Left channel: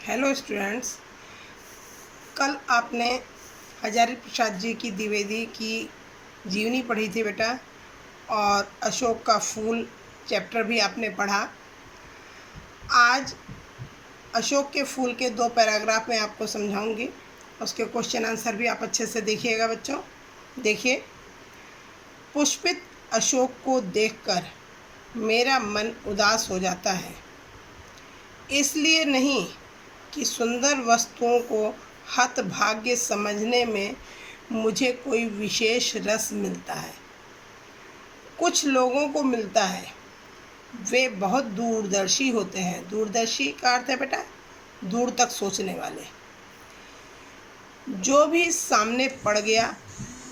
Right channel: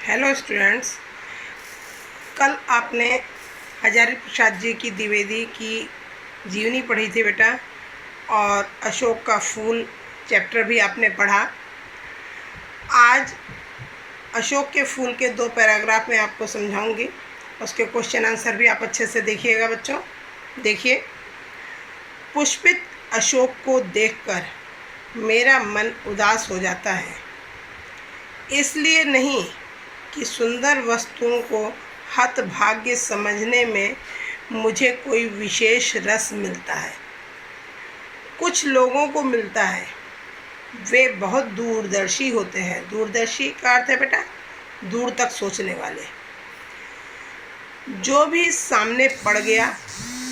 Hello students, कल आपने हजारी प्रसाद जी की द्विवेदी की जीवनी पढ़ी थी बेटा, और अशोक का फूल चैप्टर भी आपने पढ़ा। आज अशोक के फूल के 2 पैराग्राफ में आपको समझाऊंगी, उसके क्वेश्चन आंसर भी आप अच्छे से देखिएगा बच्चों। देखिए, पुष्पित अशोक को देखकर मेरा मन उदास हो जाता है, इसलिए नहीं कि सुंदर वस्तुओं को हतभाग्य समझने में मुझे कोई विशेष रस मिलता है। कुछ लोगों को मिलता है, वे बहुत दूरदर्शी होते हैं। दूरदर्शी का अर्थ है बेटा दूर तक सोचने वाले। जो भी सामने पड़ गया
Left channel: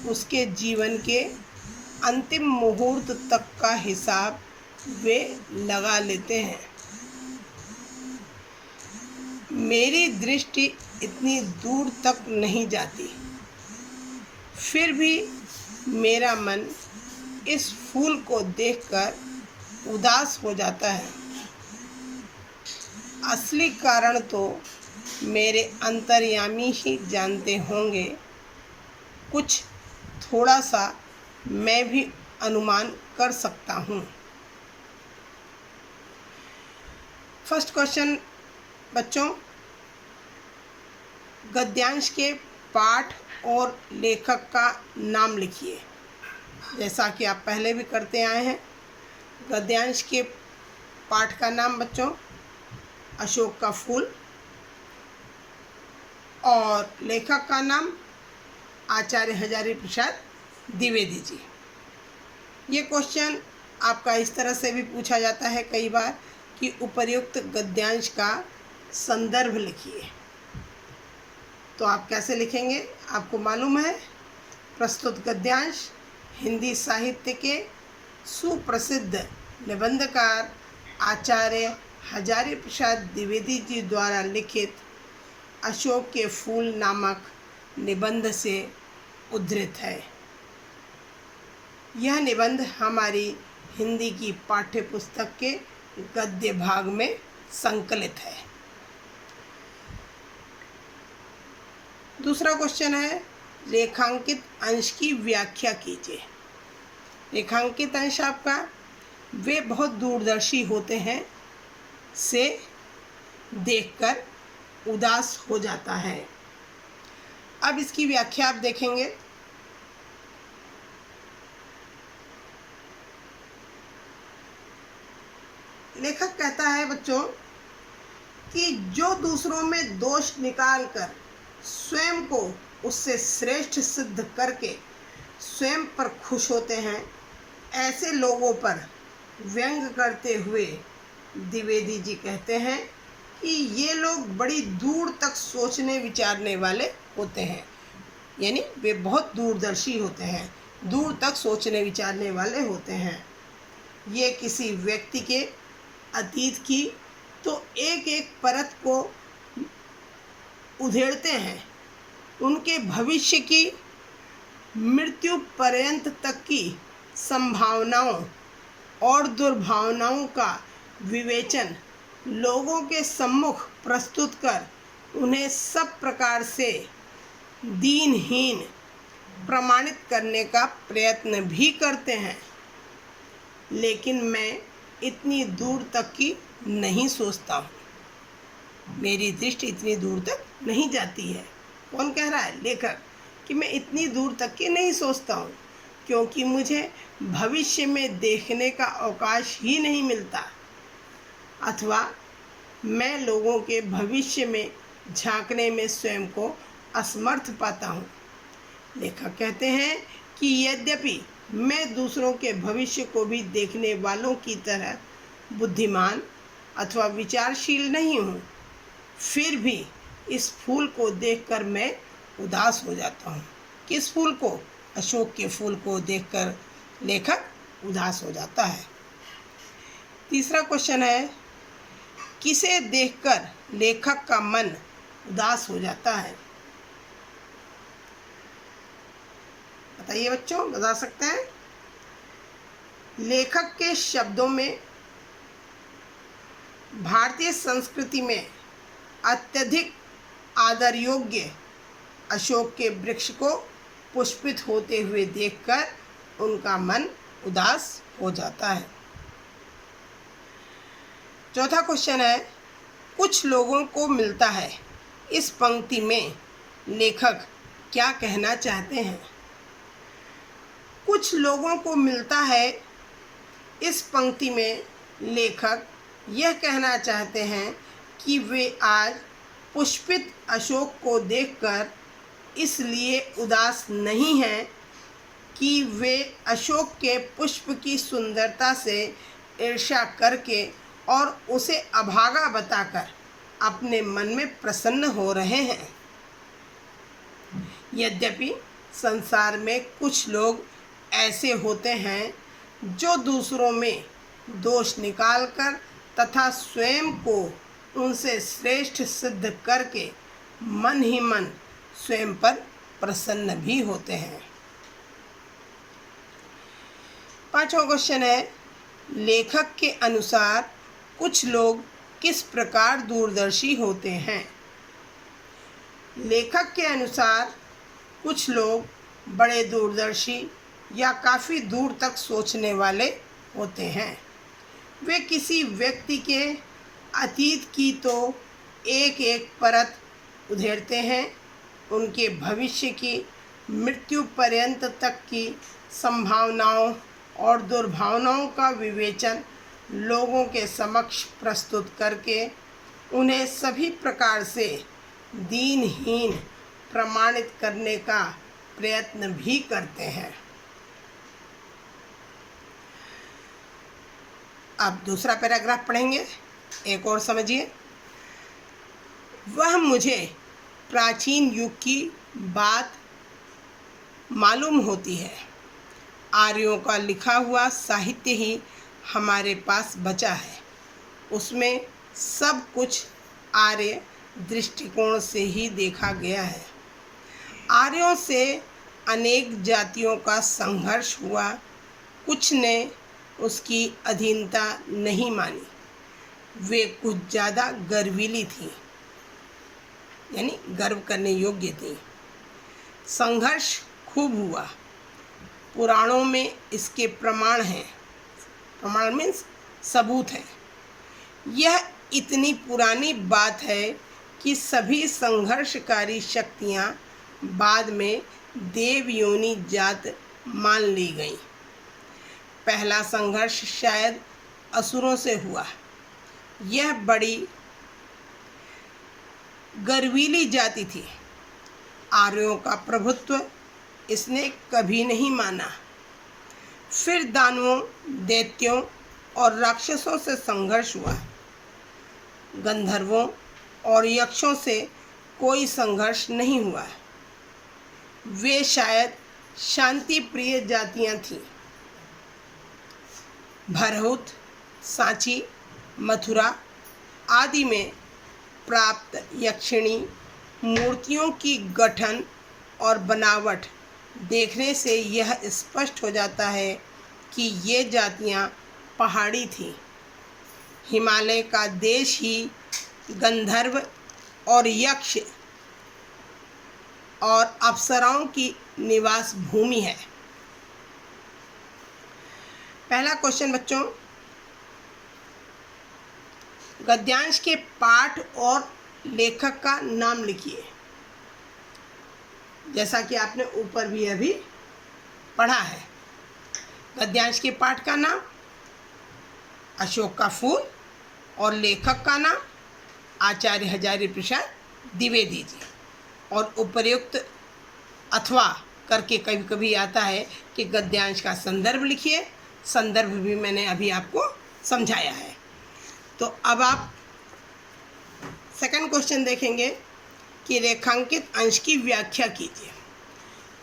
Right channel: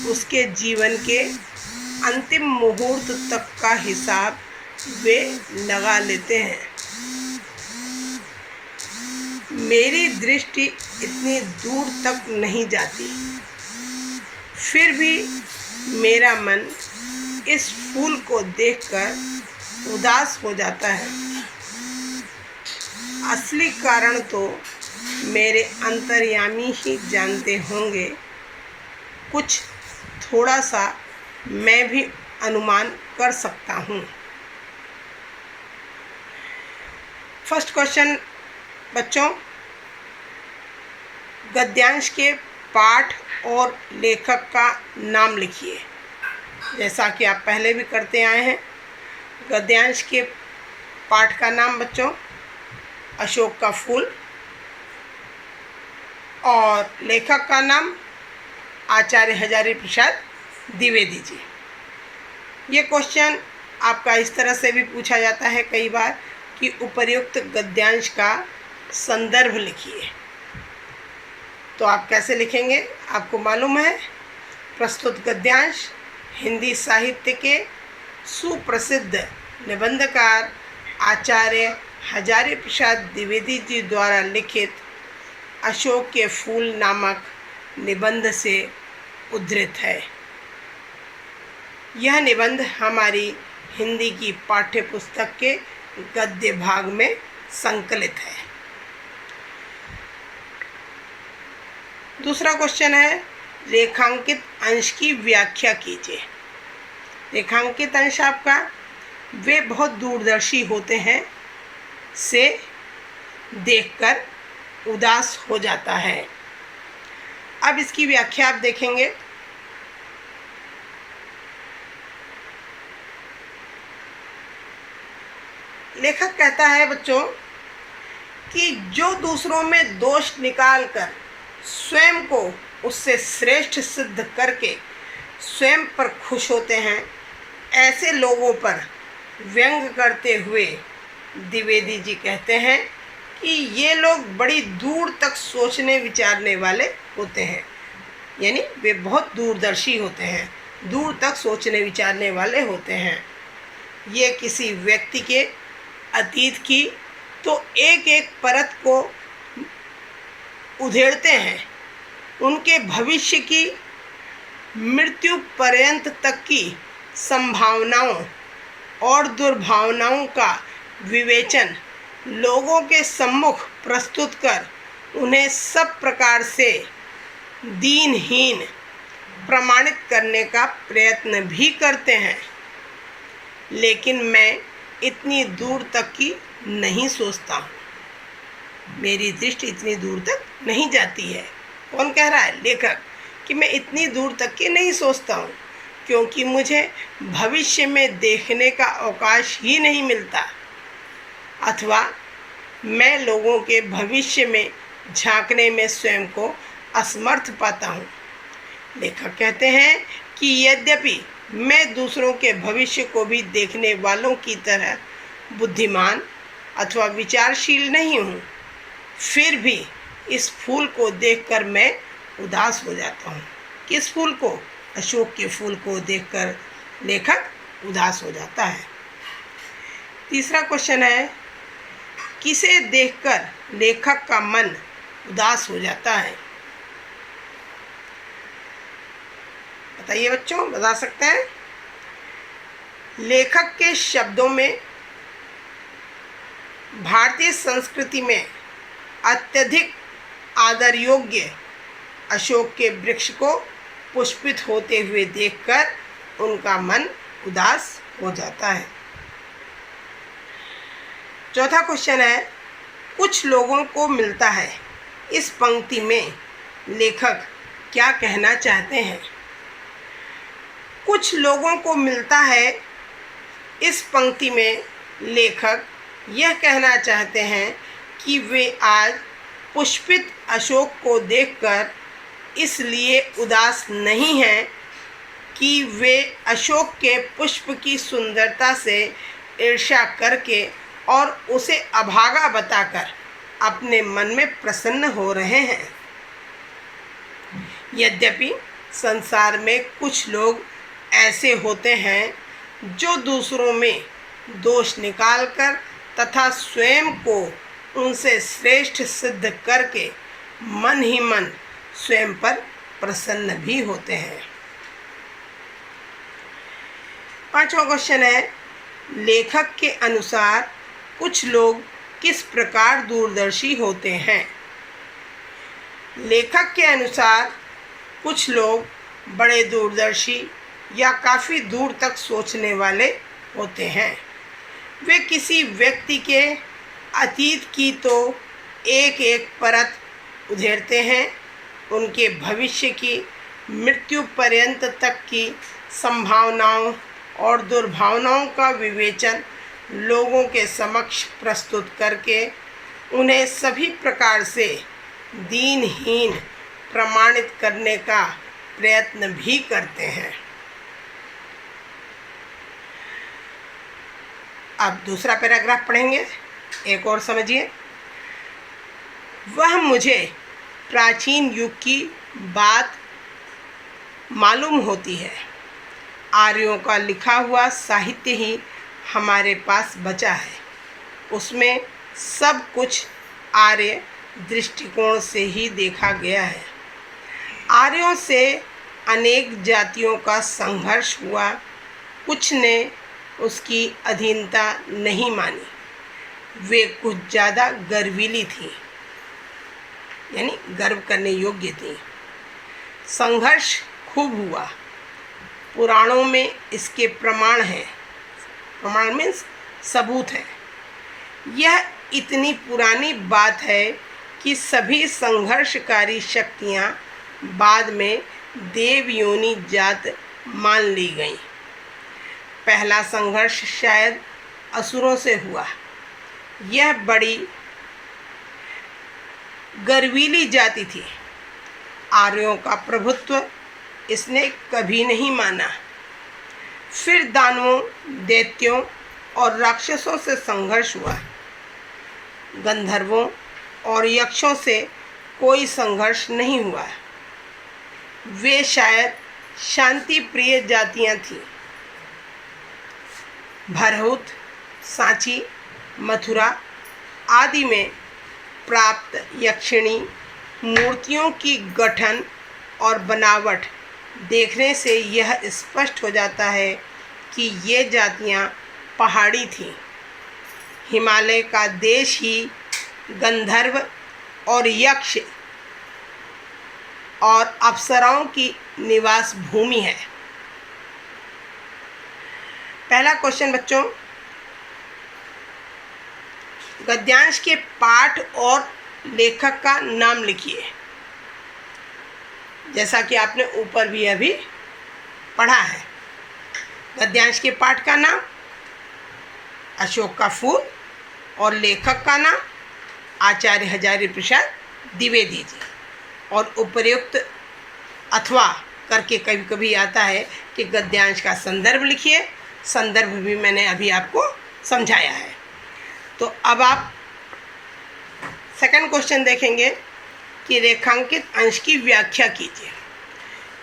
उसके जीवन के अंतिम मुहूर्त तक का हिसाब वे लगा लेते हैं। मेरी दृष्टि इतनी दूर तक नहीं जाती, फिर भी मेरा मन इस फूल को देखकर उदास हो जाता है। असली कारण तो मेरे अंतर्यामी ही जानते होंगे, कुछ थोड़ा सा मैं भी अनुमान कर सकता हूँ। फर्स्ट क्वेश्चन बच्चों, गद्यांश के पाठ और लेखक का नाम लिखिए, जैसा कि आप पहले भी करते आए हैं। गद्यांश के पाठ का नाम बच्चों अशोक का फूल, और लेखक का नाम आचार्य हजारी प्रसाद द्विवेदी जी। ये क्वेश्चन आपका इस तरह से भी पूछा जाता है कई बार कि उपर्युक्त गद्यांश का संदर्भ लिखिए। तो आप कैसे लिखेंगे आपको मालूम है। प्रस्तुत गद्यांश हिंदी साहित्य के सुप्रसिद्ध निबंधकार आचार्य हजारी प्रसाद द्विवेदी जी द्वारा लिखित अशोक के फूल नामक निबंध से उद्धृत है। यह निबंध हमारी हिंदी की पाठ्य पुस्तक के गद्य भाग में संकलित है। दूसरा क्वेश्चन है, रेखांकित अंश की व्याख्या कीजिए। रेखांकित अंश आपका वे बहुत दूरदर्शी होते हैं से देखकर उदास हो जाता है। अब इसकी व्याख्या आप देखेंगे। लेखक कहता है बच्चों कि जो दूसरों में दोष निकालकर स्वयं को उससे श्रेष्ठ सिद्ध करके स्वयं पर खुश होते हैं, ऐसे लोगों पर व्यंग करते हुए द्विवेदी जी कहते हैं कि ये लोग बड़ी दूर तक सोचने विचारने वाले होते हैं। यानी वे बहुत दूरदर्शी होते हैं, दूर तक सोचने विचारने वाले होते हैं। ये किसी व्यक्ति के अतीत की तो एक एक परत को उधेड़ते हैं, उनके भविष्य की मृत्यु पर्यंत तक की संभावनाओं और दुर्भावनाओं का विवेचन लोगों के सम्मुख प्रस्तुत कर उन्हें सब प्रकार से दीनहीन प्रमाणित करने का प्रयत्न भी करते हैं। लेकिन मैं इतनी दूर तक की नहीं सोचता हूँ, मेरी दृष्टि इतनी दूर तक नहीं जाती है। कौन कह रहा है? लेखक। कि मैं इतनी दूर तक की नहीं सोचता हूँ क्योंकि मुझे भविष्य में देखने का अवकाश ही नहीं मिलता, अथवा मैं लोगों के भविष्य में झांकने में स्वयं को असमर्थ पाता हूँ। लेखक कहते हैं कि यद्यपि मैं दूसरों के भविष्य को भी देखने वालों की तरह बुद्धिमान अथवा विचारशील नहीं हूँ, फिर भी इस फूल को देखकर मैं उदास हो जाता हूँ। किस फूल को? अशोक के फूल को देखकर लेखक उदास हो जाता है। तीसरा क्वेश्चन है, किसे देखकर लेखक का मन उदास हो जाता है? बताइए बच्चों, बता सकते हैं? लेखक के शब्दों में भारतीय संस्कृति में अत्यधिक आदर योग्य अशोक के वृक्ष को पुष्पित होते हुए देखकर उनका मन उदास हो जाता है। चौथा क्वेश्चन है, कुछ लोगों को मिलता है। इस पंक्ति में लेखक क्या कहना चाहते हैं? कुछ लोगों को मिलता है, इस पंक्ति में लेखक यह कहना चाहते हैं कि वे आज पुष्पित अशोक को देखकर इसलिए उदास नहीं हैं कि वे अशोक के पुष्प की सुंदरता से ईर्ष्या करके और उसे अभागा बताकर अपने मन में प्रसन्न हो रहे हैं। यद्यपि संसार में कुछ लोग ऐसे होते हैं जो दूसरों में दोष निकालकर तथा स्वयं को उनसे श्रेष्ठ सिद्ध करके मन ही मन स्वयं पर प्रसन्न भी होते हैं। पांचवा क्वेश्चन है, लेखक के अनुसार कुछ लोग किस प्रकार दूरदर्शी होते हैं? लेखक के अनुसार कुछ लोग बड़े दूरदर्शी या काफ़ी दूर तक सोचने वाले होते हैं। वे किसी व्यक्ति के अतीत की तो एक एक परत उधेड़ते हैं, उनके भविष्य की मृत्यु पर्यंत तक की संभावनाओं और दुर्भावनाओं का विवेचन लोगों के समक्ष प्रस्तुत करके उन्हें सभी प्रकार से दीनहीन प्रमाणित करने का प्रयत्न भी करते हैं। अब दूसरा पैराग्राफ पढ़ेंगे, एक और समझिए। वह मुझे प्राचीन युग की बात मालूम होती है। आर्यों का लिखा हुआ साहित्य ही हमारे पास बचा है। उसमें सब कुछ आर्य दृष्टिकोण से ही देखा गया है। आर्यों से अनेक जातियों का संघर्ष हुआ, कुछ ने उसकी अधीनता नहीं मानी। वे कुछ ज़्यादा गर्वीली थी, यानी गर्व करने योग्य थी। संघर्ष खूब हुआ, पुराणों में इसके प्रमाण हैं। प्रमाण मीन्स सबूत है। यह इतनी पुरानी बात है कि सभी संघर्षकारी शक्तियाँ बाद में देव योनि जात मान ली गईं। पहला संघर्ष शायद असुरों से हुआ। यह बड़ी गर्वीली जाति थी। आर्यों का प्रभुत्व इसने कभी नहीं माना। फिर दानवों, दैत्यों और राक्षसों से संघर्ष हुआ। गंधर्वों और यक्षों से कोई संघर्ष नहीं हुआ। वे शायद शांति प्रिय जातियां थीं। भरहुत, सांची, मथुरा आदि में प्राप्त यक्षिणी मूर्तियों की गठन और बनावट देखने से यह स्पष्ट हो जाता है कि ये जातियां पहाड़ी थीं। हिमालय का देश ही गंधर्व और यक्ष और अप्सराओं की निवास भूमि है। पहला क्वेश्चन बच्चों, गद्यांश के पाठ और लेखक का नाम लिखिए। जैसा कि आपने ऊपर भी अभी पढ़ा है। गद्यांश के पाठ का नाम अशोक का फूल और लेखक का नाम आचार्य हजारी प्रसाद द्विवेदी जी। और उपर्युक्त अथवा करके कभी कभी आता है कि गद्यांश का संदर्भ लिखिए। संदर्भ भी मैंने अभी आपको समझाया है। तो अब आप सेकंड क्वेश्चन देखेंगे कि रेखांकित अंश की व्याख्या कीजिए।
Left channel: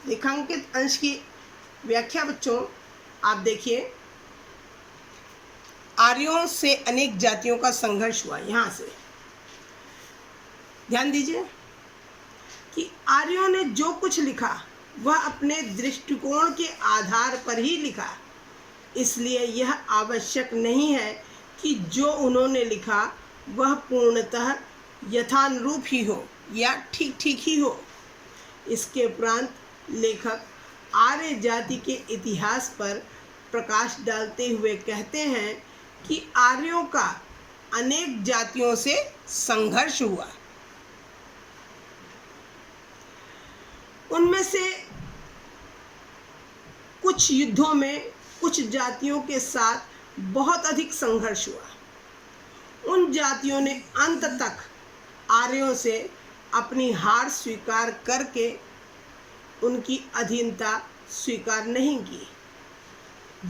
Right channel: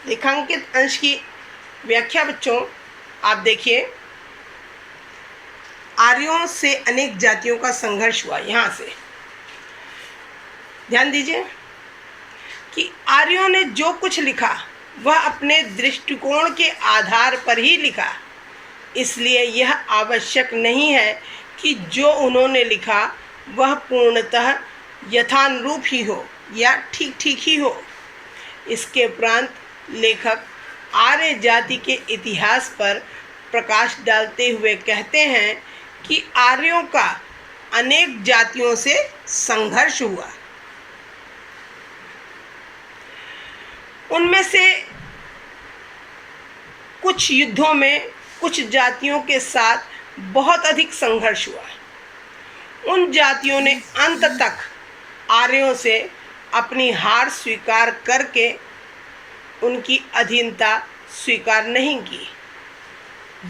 रेखांकित अंश की व्याख्या बच्चों आप देखिए, आर्यों से अनेक जातियों का संघर्ष हुआ। यहाँ से ध्यान दीजिए कि आर्यों ने जो कुछ लिखा वह अपने दृष्टिकोण के आधार पर ही लिखा। इसलिए यह आवश्यक नहीं है कि जो उन्होंने लिखा वह पूर्णतः यथानुरूप ही हो या ठीक ठीक ही हो। इसके उपरांत लेखक आर्य जाति के इतिहास पर प्रकाश डालते हुए कहते हैं कि आर्यों का अनेक जातियों से संघर्ष हुआ। उनमें से कुछ युद्धों में कुछ जातियों के साथ बहुत अधिक संघर्ष हुआ। उन जातियों ने अंत तक आर्यों से अपनी हार स्वीकार करके उनकी अधीनता स्वीकार नहीं की।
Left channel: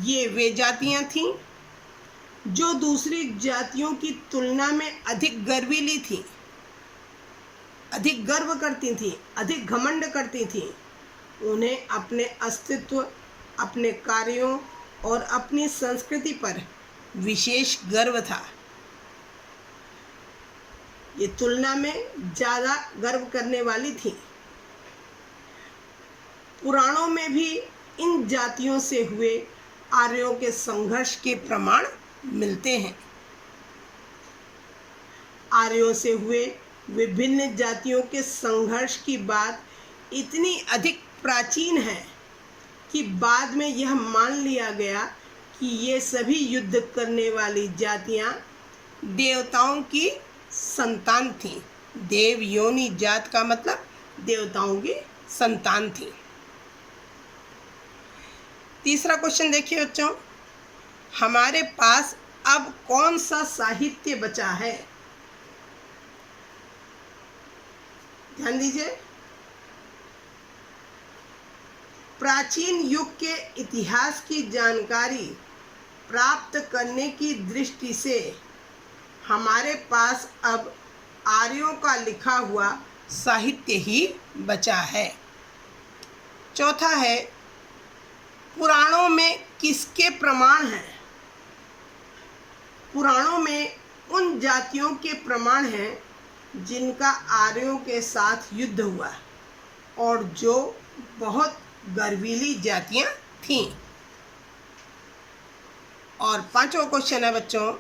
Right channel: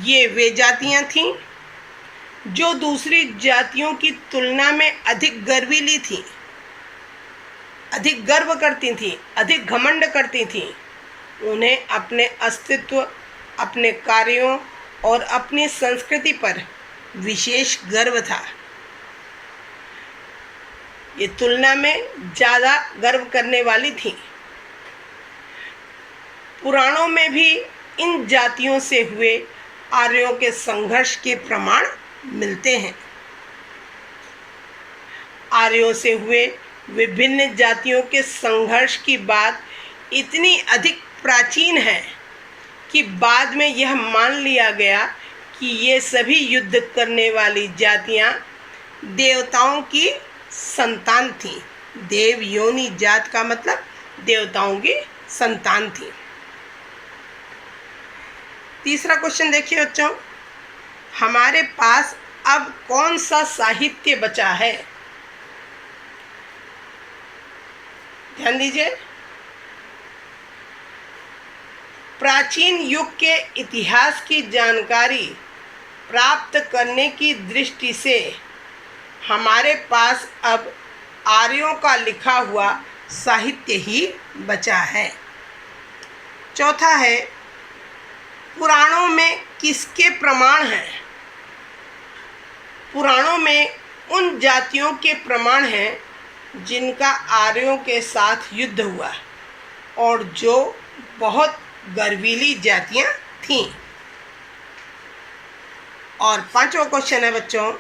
ये वे जातियां थीं जो दूसरी जातियों की तुलना में अधिक गर्वीली थीं, अधिक गर्व करती थीं, अधिक घमंड करती थीं। उन्हें अपने अस्तित्व, अपने कार्यों और अपनी संस्कृति पर विशेष गर्व था। ये तुलना में ज़्यादा गर्व करने वाली थीं। पुराणों में भी इन जातियों से हुए आर्यों के संघर्ष के प्रमाण मिलते हैं। आर्यों से हुए विभिन्न जातियों के संघर्ष की बात इतनी अधिक प्राचीन है कि बाद में यह मान लिया गया कि ये सभी युद्ध करने वाली जातियां देवताओं की संतान थीं। देव योनि जात का मतलब देवताओं की संतान थी। तीसरा क्वेश्चन देखिए बच्चों, हमारे पास अब कौन सा साहित्य बचा है? ध्यान दीजिए। प्राचीन युग के इतिहास की जानकारी प्राप्त करने की दृष्टि से हमारे पास अब आर्यों का लिखा हुआ साहित्य ही बचा है। चौथा है, पुराणों में किसके प्रमाण हैं? पुराणों में उन जातियों के प्रमाण हैं जिनका आर्यों के साथ युद्ध हुआ और जो बहुत गर्वीली जातियां थीं। और पांचवा क्वेश्चन है बच्चों,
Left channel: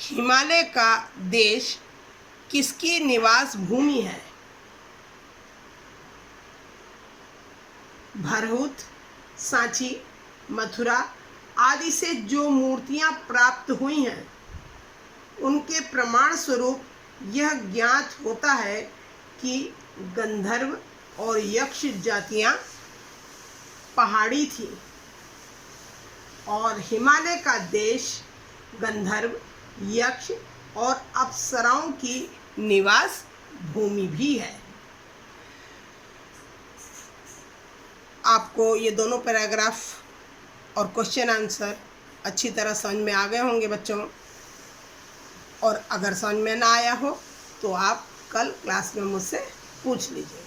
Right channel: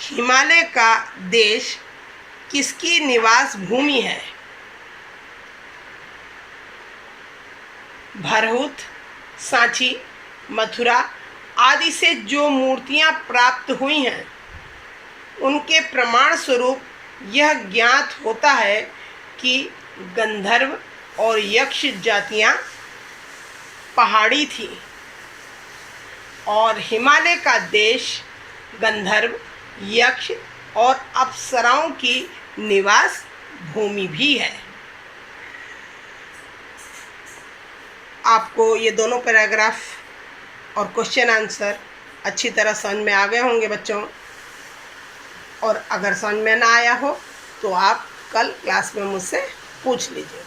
हिमालय का देश किसकी निवास भूमि है? भरहुत, सांची, मथुरा आदि से जो मूर्तियां प्राप्त हुई हैं उनके प्रमाण स्वरूप यह ज्ञात होता है कि गंधर्व और यक्ष जातियां पहाड़ी थी और हिमालय का देश गंधर्व, यक्ष और अप्सराओं की निवास भूमि भी है। आपको ये दोनों पैराग्राफ और क्वेश्चन आंसर अच्छी तरह समझ में आ गए होंगे बच्चों। और अगर समझ में ना आया हो तो आप कल क्लास में मुझसे पूछ लीजिए।